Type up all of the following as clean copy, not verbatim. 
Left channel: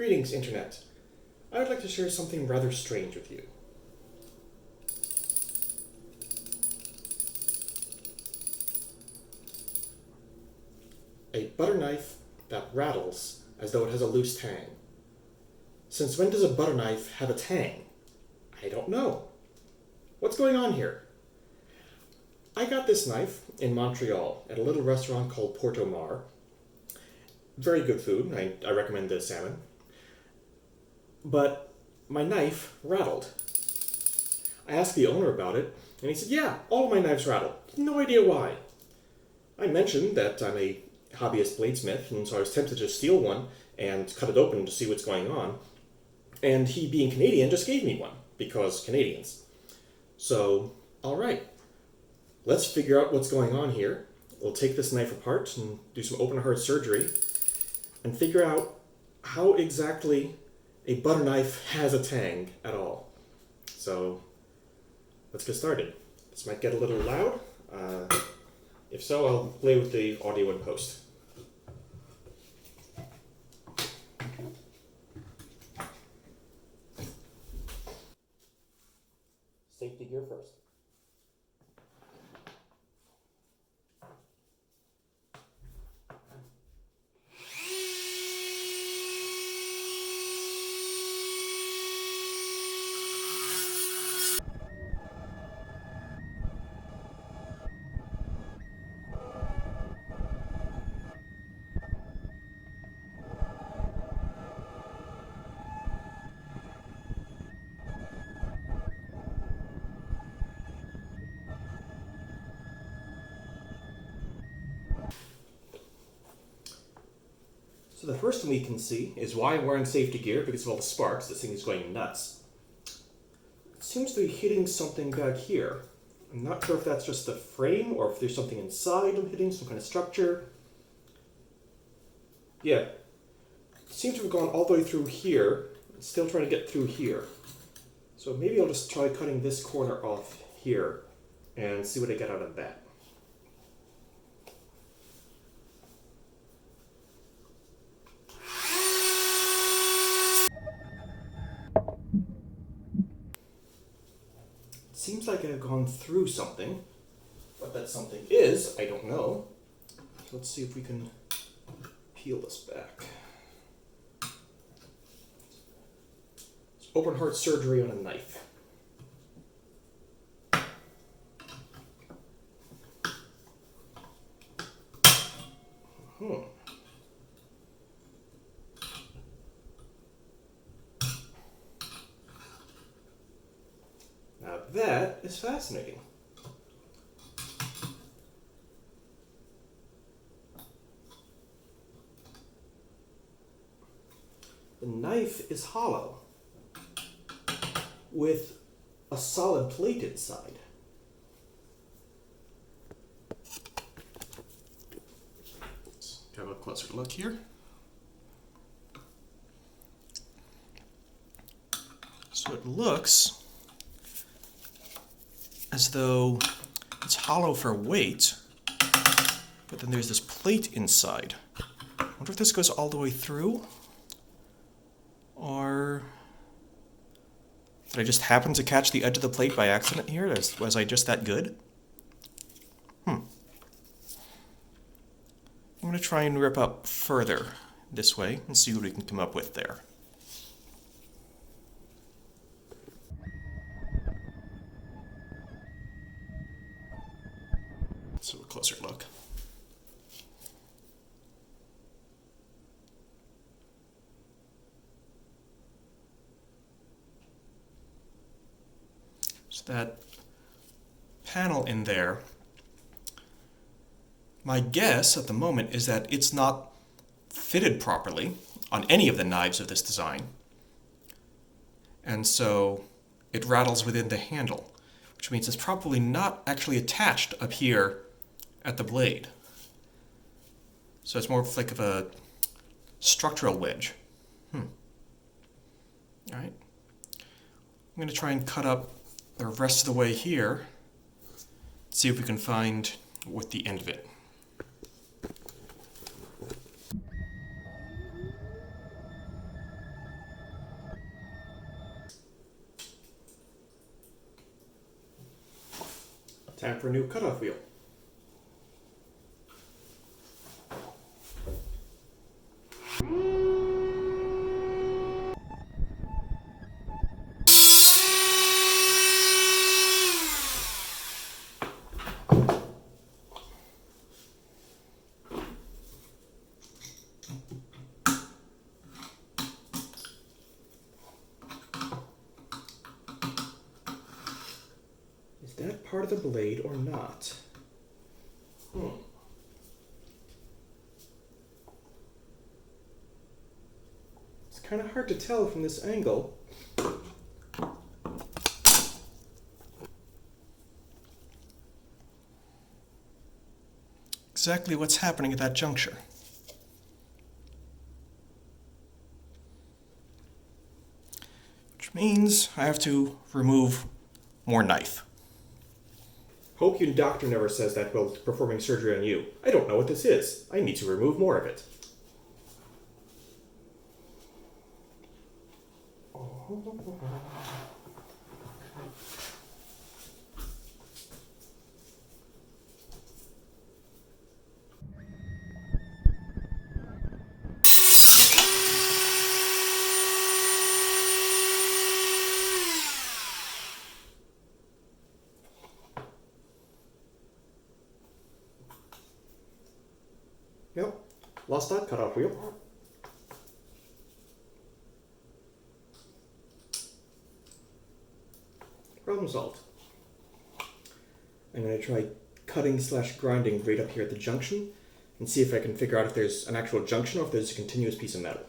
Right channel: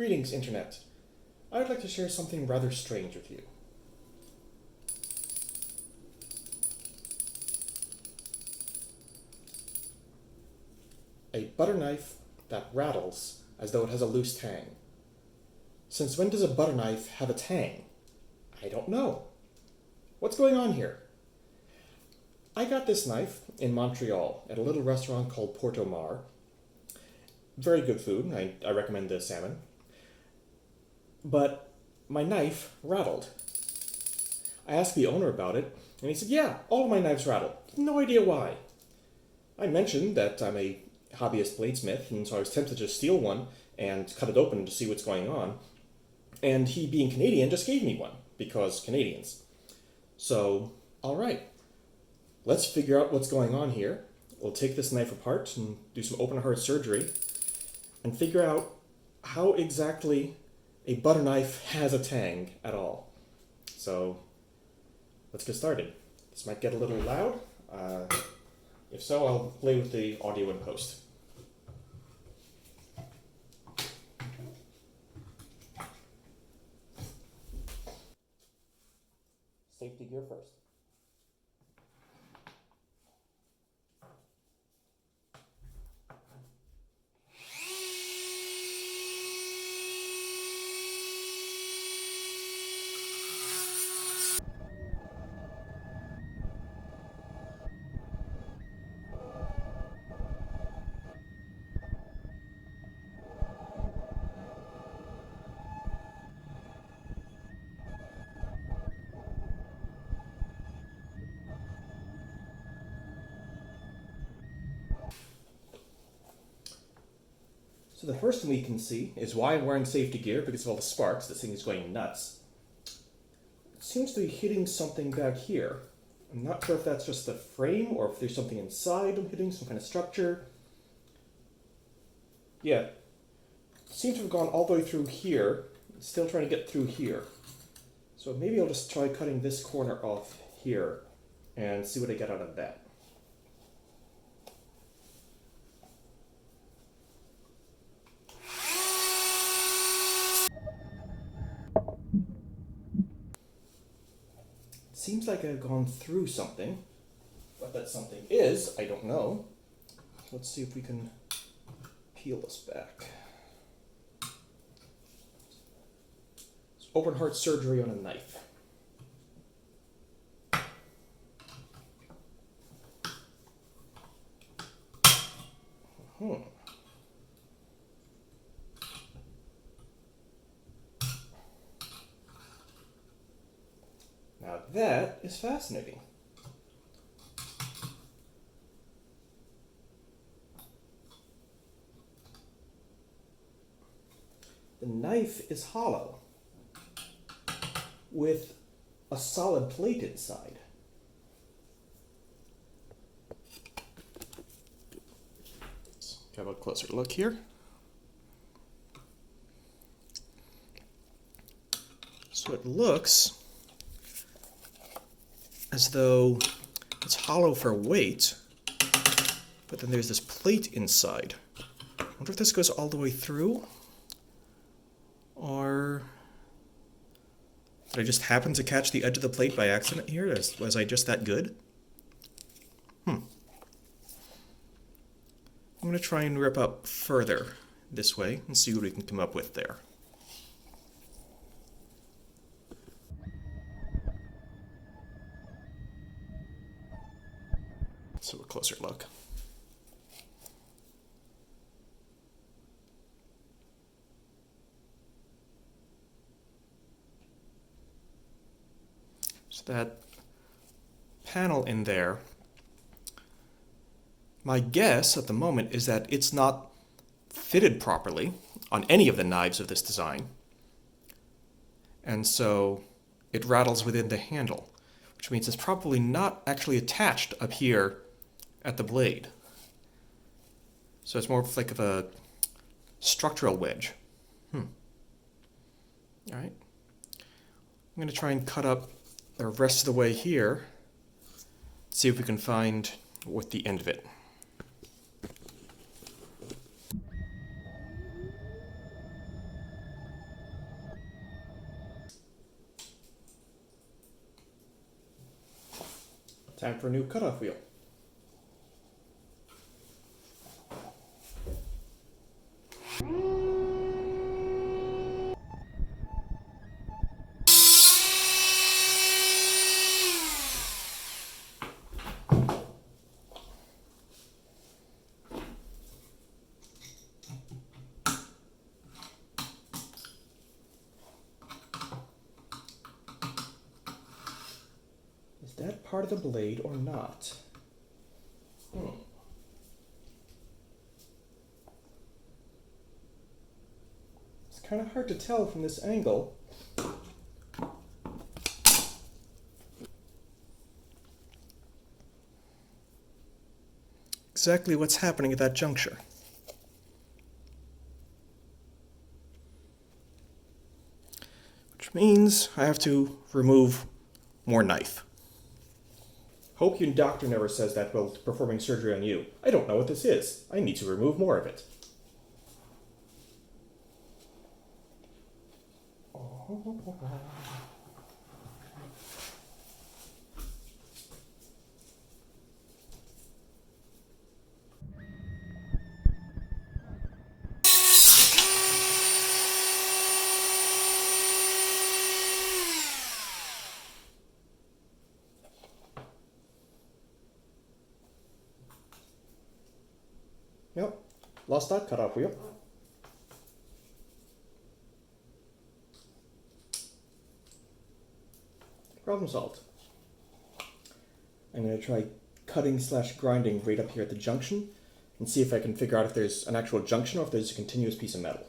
Greetings, Internet. I would like to share something rather strange with you. A butter knife that rattles as though it has a loose tang. Since when does a butter knife have a tang? I don't know. What's going on here? I got this knife in Montreal at a little restaurant called Porto Mar. Very good food. I recommend the salmon. But my knife rattled. I asked the owner about it, and he said, yeah, all of my knives rattle. No idea why. I mentioned that I'm a hobbyist bladesmith, and so I was tempted to steal one and cut it open to see what's going on. And he, being Canadian, just gave me one, because Canadians. So, alright. Let's figure out what's going on here. We'll take this knife apart and do some open heart surgery and figure out how exactly a butter knife has a tang at all. So, let's get started. This might get a little loud. If so, I'll play with the audio in post. Safety gear first. So the first thing we can see is why I'm wearing safety gear, because of all the sparks. This thing is going nuts. It seems to be hitting something back here. I'm not sure if that's just the frame or if there's something inside I'm hitting, some kind of structure. Yeah, it seems to have gone all the way through here. Still trying to get through here. So maybe I'll just try cutting this corner off here and see what I get out of that. Seems like I've gone through something. What that something is, I don't know. Let's see if we can peel this back. It's open heart surgery on a knife. Now that is fascinating. The knife is hollow with a solid plate inside. Let's have a closer look here. So it looks as though it's hollow for weight, but then there's this plate inside. I wonder if this goes all the way through, or did I just happen to catch the edge of the plate by accident here? Was I just that good? I'm going to try and rip up further this way and see what we can come up with there. So a closer look. So that panel in there, my guess at the moment is that it's not fitted properly on any of the knives of this design. And so it rattles within the handle, which means it's probably not actually attached up here at the blade. So it's more like of a structural wedge. All right. I'm going to try and cut up the rest of the way here, see if we can find what the end of it. Time for a new cutoff wheel. Is that part of the blade or not? It's kind of hard to tell from this angle. Exactly what's happening at that juncture. Which means I have to remove more knife. Hope your doctor never says that while performing surgery on you. I don't know what this is. I need to remove more of it. Yep, lost that cutoff wheel. Problem solved. I'm going to try cutting/grinding right up here at the junction and see if I can figure out if there's an actual junction or if there's a continuous piece of metal.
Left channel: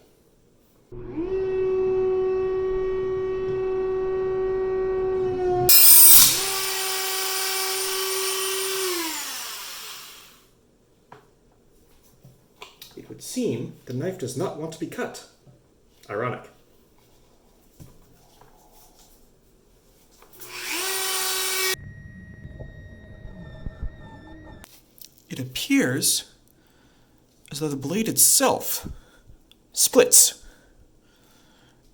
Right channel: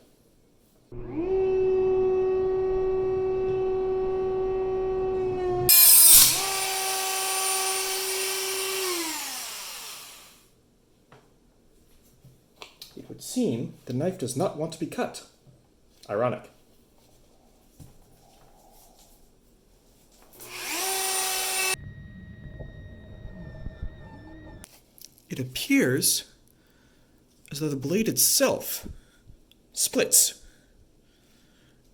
It would seem the knife does not want to be cut. Ironic. It appears as though the blade itself splits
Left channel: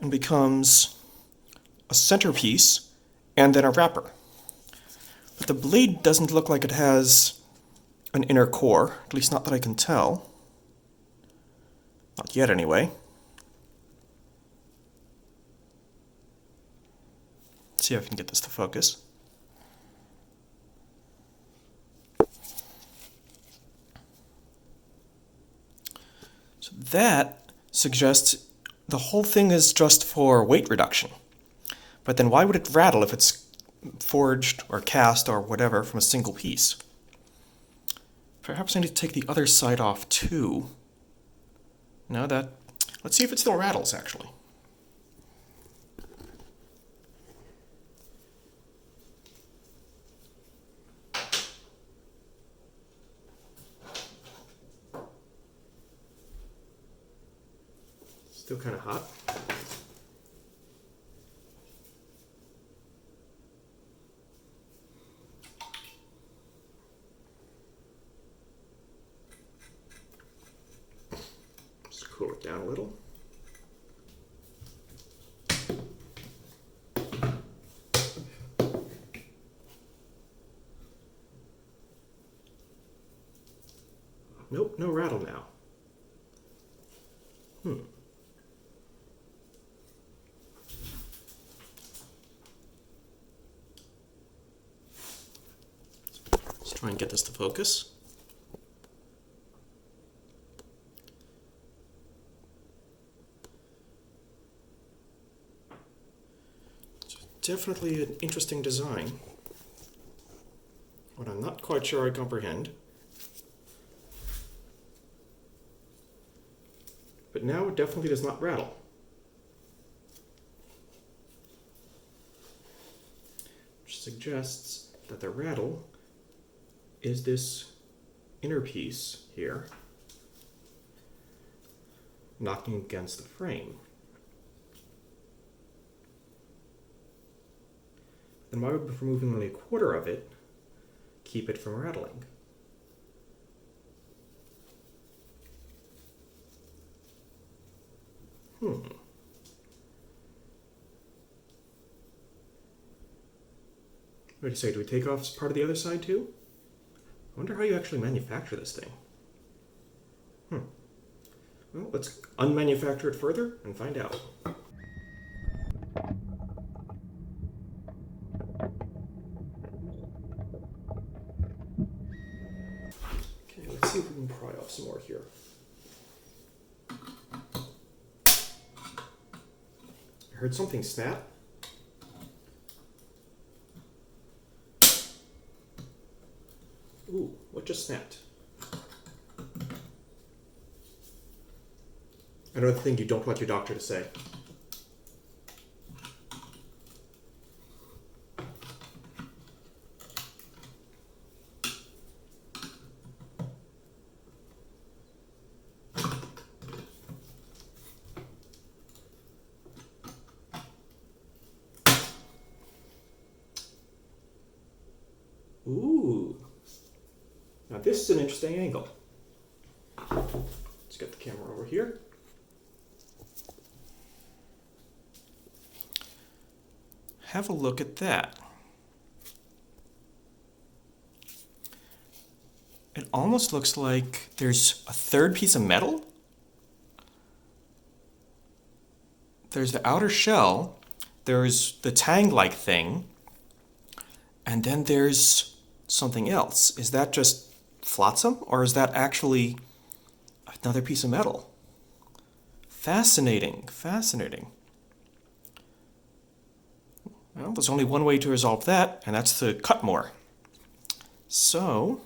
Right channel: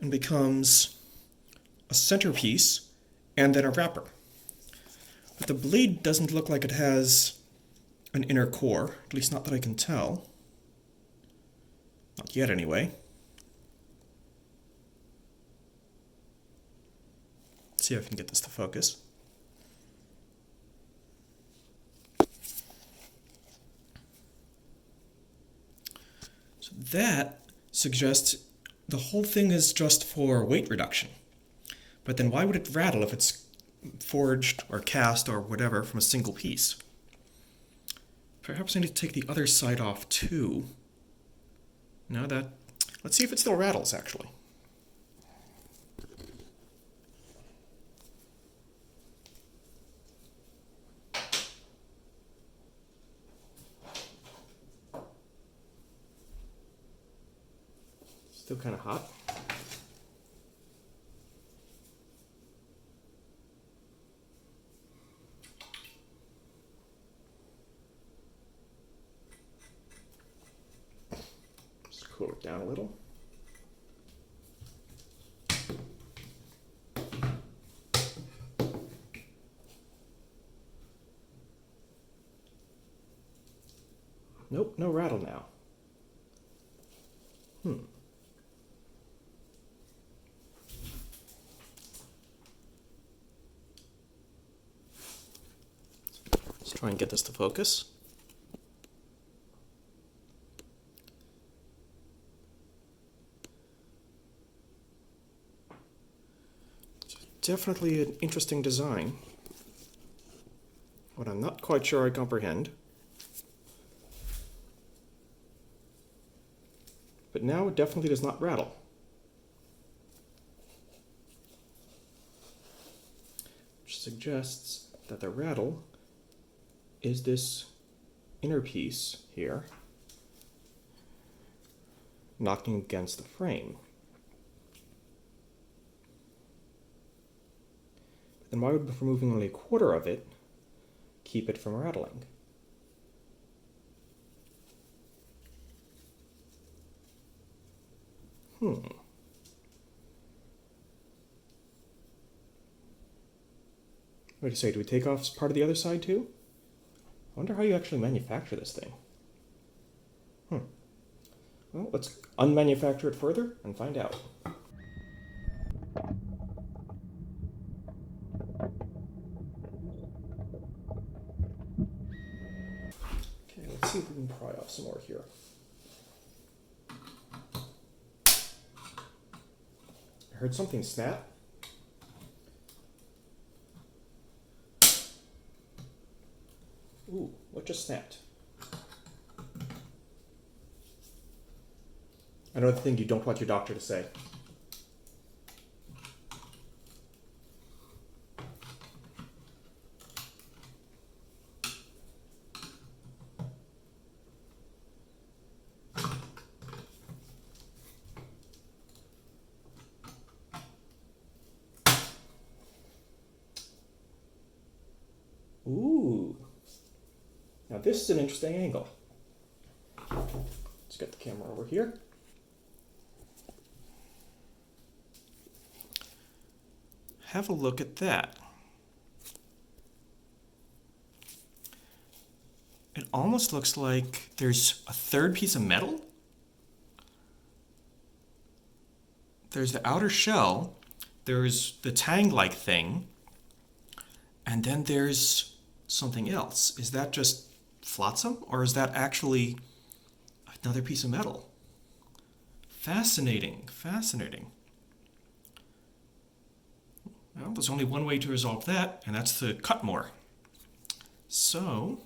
and becomes a centerpiece and then a wrapper. But the blade doesn't look like it has an inner core, at least not that I can tell. Not yet, anyway. Let's see if I can get this to focus. So that suggests the whole thing is just for weight reduction. But then why would it rattle if it's forged or cast or whatever from a single piece? Perhaps I need to take the other side off too. No, let's see if it still rattles, actually. Still kind of hot. Just cool it down a little. Nope, no rattle now. Let's try and get this to focus. It's definitely an interesting design, what I'm not quite sure I comprehend. But now it definitely does not rattle. Which suggests that the rattle is this inner piece here knocking against the frame. Then why would removing only a quarter of it keep it from rattling? What do you say? Do we take off part of the other side too? I wonder how you actually manufacture this thing. Well, let's unmanufacture it further and find out. Okay, let's see if we can pry off some more here. I heard something snap. Ooh, what just snapped? I know the thing you don't want your doctor to say. Ooh. Now this is an interesting angle. Let's get the camera over here. Have a look at that. It almost looks like there's a third piece of metal. There's the outer shell, there's the tang-like thing, and then there's something else. Is that just flotsam, or is that actually another piece of metal? Fascinating, fascinating. Well, there's only one way to resolve that, and that's to cut more. So,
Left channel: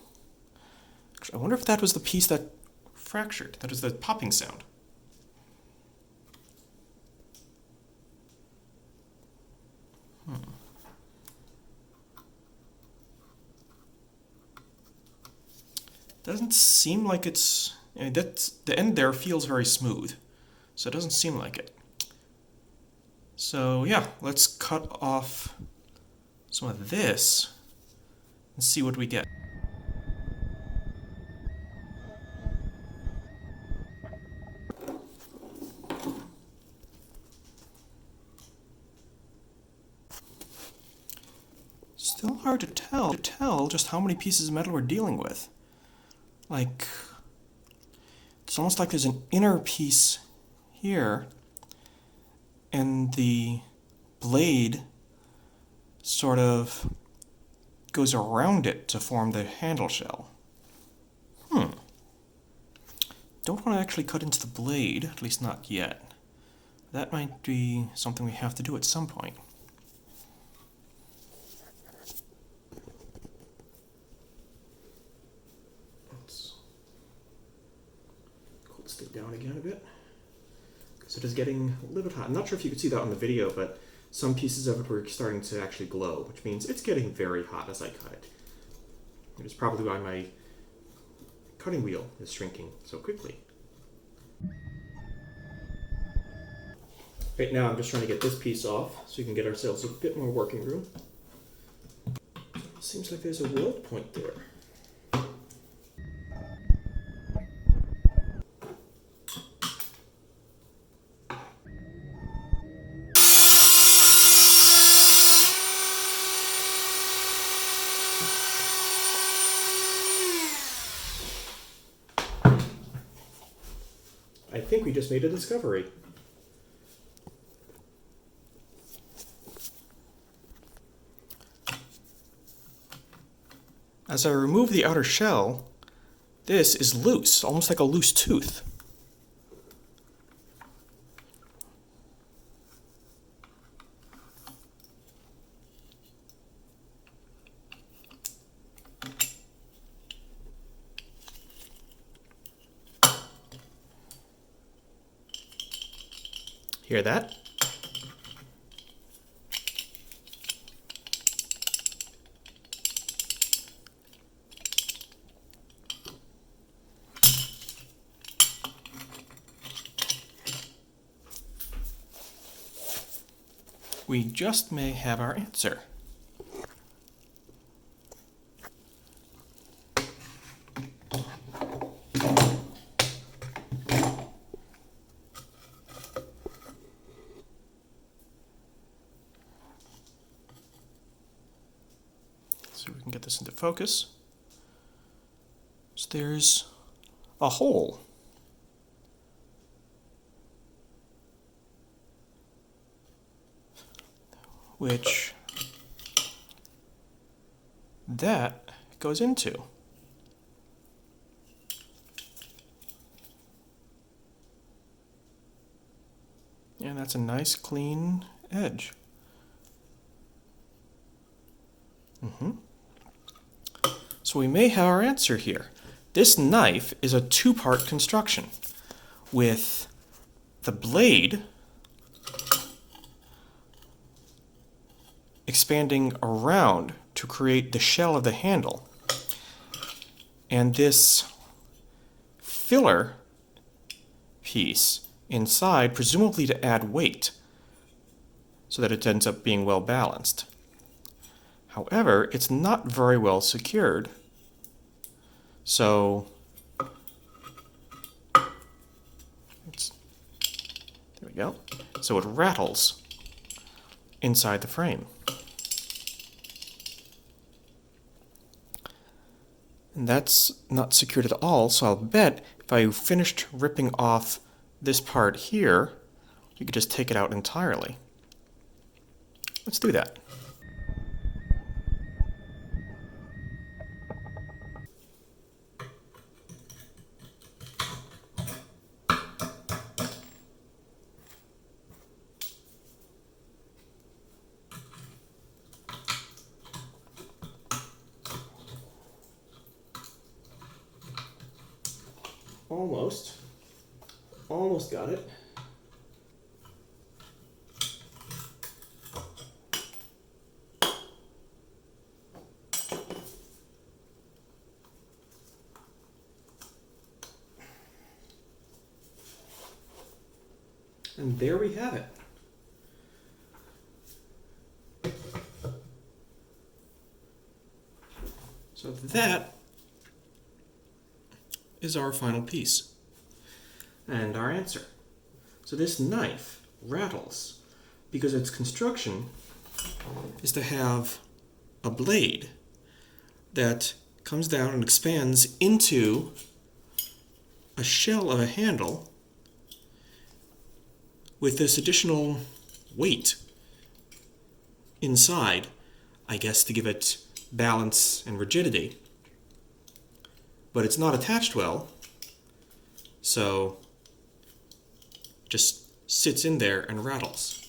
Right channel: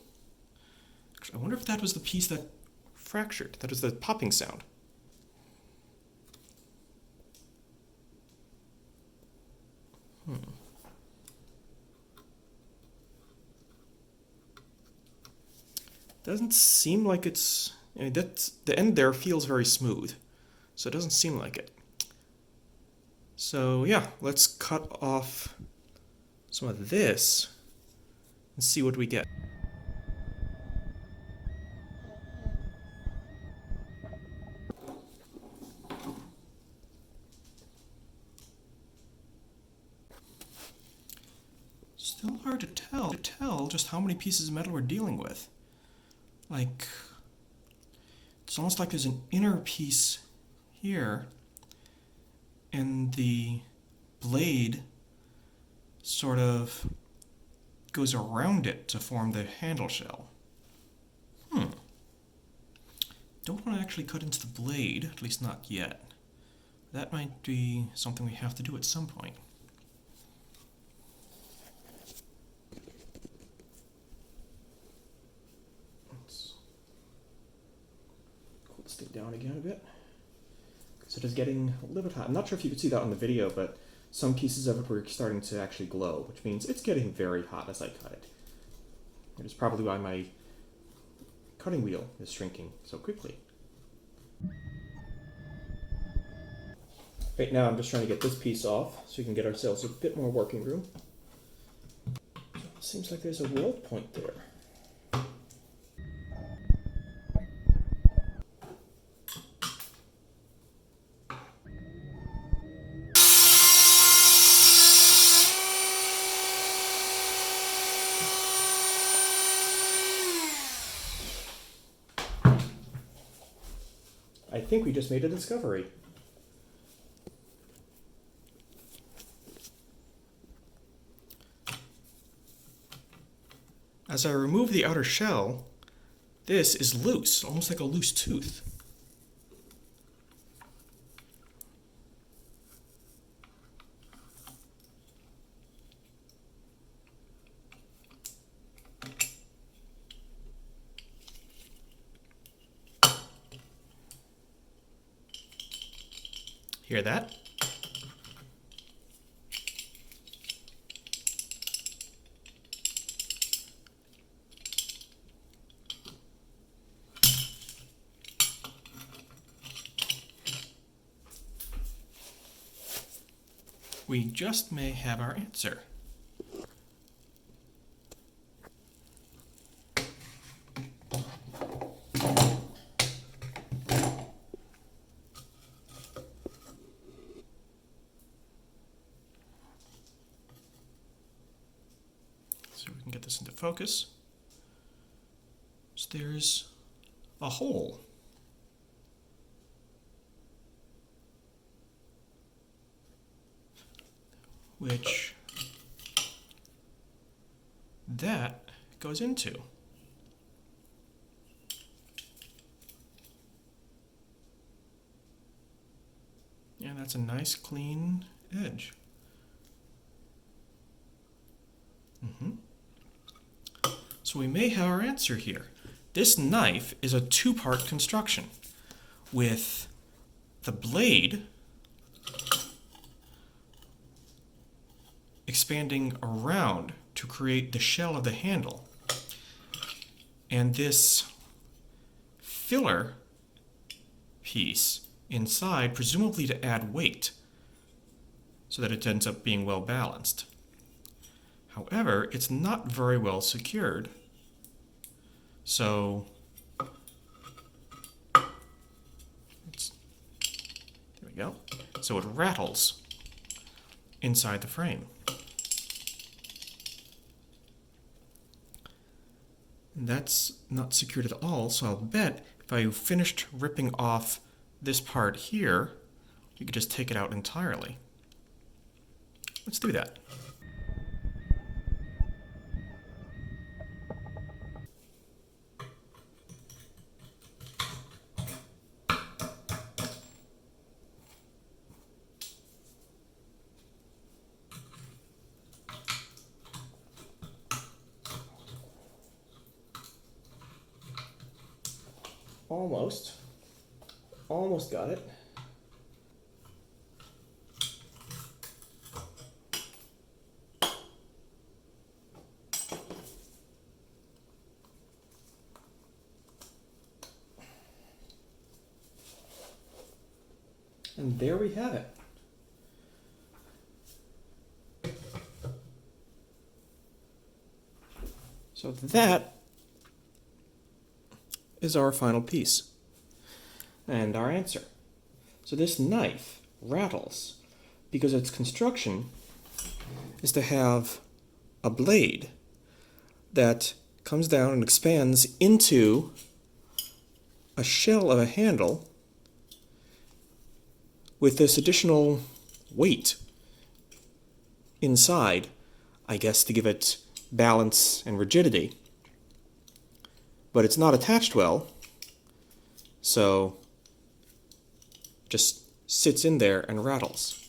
I wonder if that was the piece that fractured. That was the popping sound. Doesn't seem like it's... I mean, the end there feels very smooth, so it doesn't seem like it. So yeah, let's cut off some of this and see what we get. Still hard to tell just how many pieces of metal we're dealing with. Like, it's almost like there's an inner piece here, and the blade sort of goes around it to form the handle shell. Don't want to actually cut into the blade, at least not yet. That might be something we have to do at some point. Let's cool this thing down again a bit. So it is getting a little bit hot. I'm not sure if you could see that on the video, but some pieces of it were starting to actually glow, which means it's getting very hot as I cut it. It is probably why my cutting wheel is shrinking so quickly. Right now I'm just trying to get this piece off so we can get ourselves a bit more working room. Seems like there's a weld point there. I think we just made a discovery. As I remove the outer shell, this is loose, almost like a loose tooth. Hear that? We just may have our answer. can get this into focus. So there's a hole. Which that goes into. And that's a nice clean edge. So we may have our answer here. This knife is a two-part construction with the blade expanding around to create the shell of the handle, and this filler piece inside, presumably to add weight so that it ends up being well balanced. However, it's not very well secured, so there we go. So it rattles inside the frame. And that's not secured at all, so I'll bet if I finished ripping off this part here, you could just take it out entirely. Let's do that. Almost got it. And there we have it. So that is our final piece and our answer. So this knife rattles because its construction is to have a blade that comes down and expands into a shell of a handle with this additional weight inside, I guess, to give it balance and rigidity. But it's not attached well, so just sits in there and rattles.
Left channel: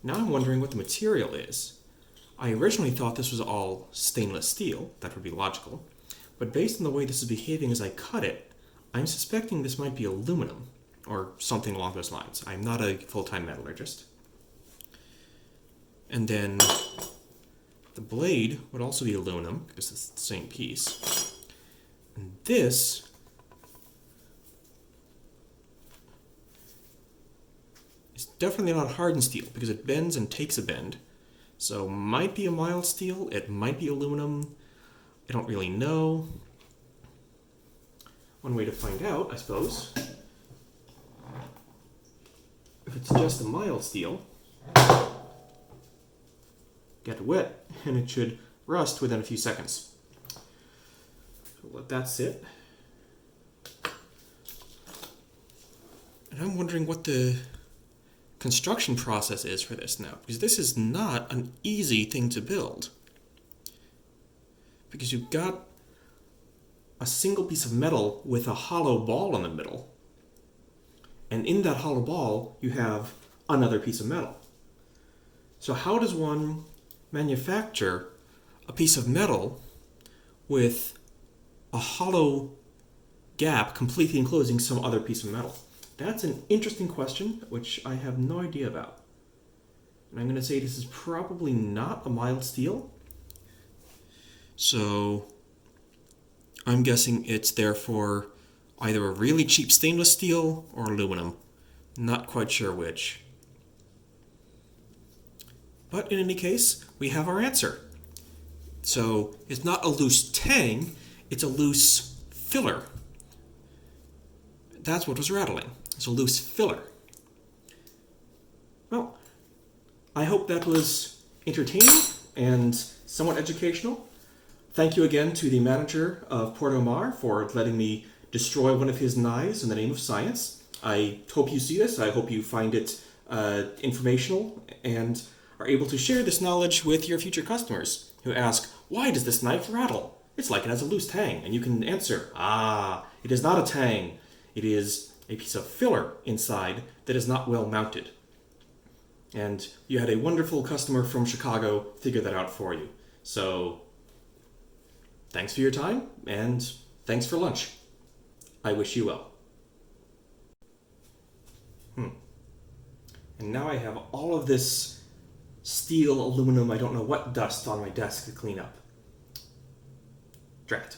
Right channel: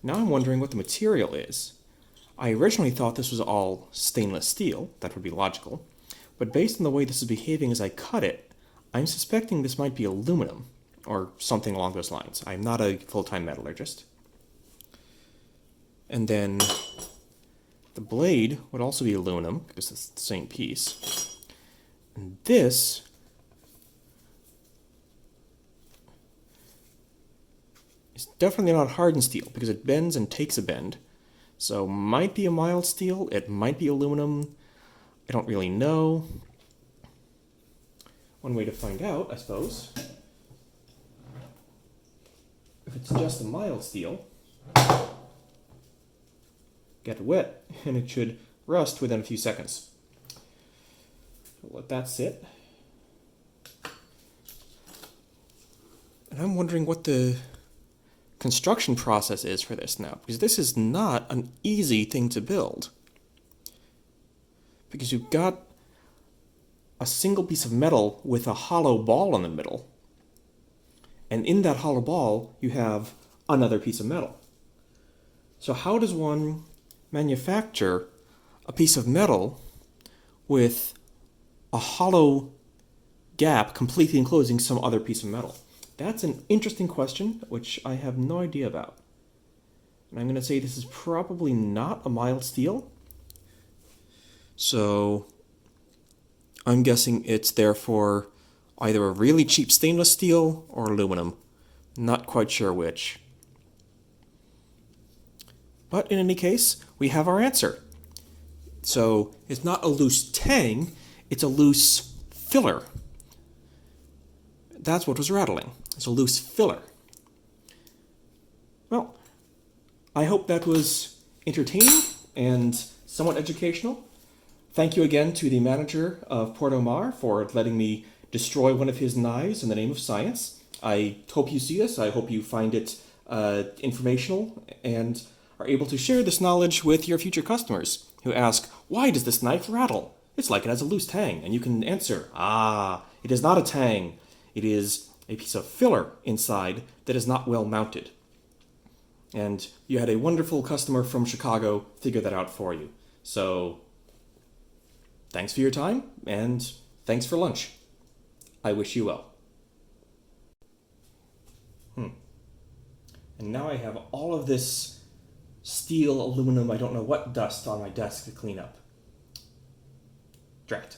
Now I'm wondering what the material is. I originally thought this was all stainless steel. That would be logical. But based on the way this is behaving as I cut it, I'm suspecting this might be aluminum or something along those lines. I'm not a full-time metallurgist. And then the blade would also be aluminum because it's the same piece. And this is definitely not hardened steel because it bends and takes a bend. So might be a mild steel, it might be aluminum, I don't really know. One way to find out, I suppose, if it's just a mild steel, get it wet and it should rust within a few seconds. So let that sit. And I'm wondering what the construction process is for this now, because this is not an easy thing to build. Because you've got a single piece of metal with a hollow ball in the middle, and in that hollow ball you have another piece of metal. So how does one manufacture a piece of metal with a hollow gap completely enclosing some other piece of metal? That's an interesting question, which I have no idea about. And I'm going to say this is probably not a mild steel. So I'm guessing it's therefore either a really cheap stainless steel or aluminum. Not quite sure which. But in any case, we have our answer. So it's not a loose tang, it's a loose filler. That's what was rattling. It's a loose filler. Well, I hope that was entertaining and somewhat educational. Thank you again to the manager of Porto Mar for letting me destroy one of his knives in the name of science. I hope you see this. I hope you find it informational and are able to share this knowledge with your future customers who ask, why does this knife rattle? It's like it has a loose tang. And you can answer, it is not a tang. It is a piece of filler inside that is not well mounted. And you had a wonderful customer from Chicago figure that out for you. So, thanks for your time, and thanks for lunch. I wish you well. And now I have all of this steel, aluminum, I don't know what dust on my desk to clean up. Drat.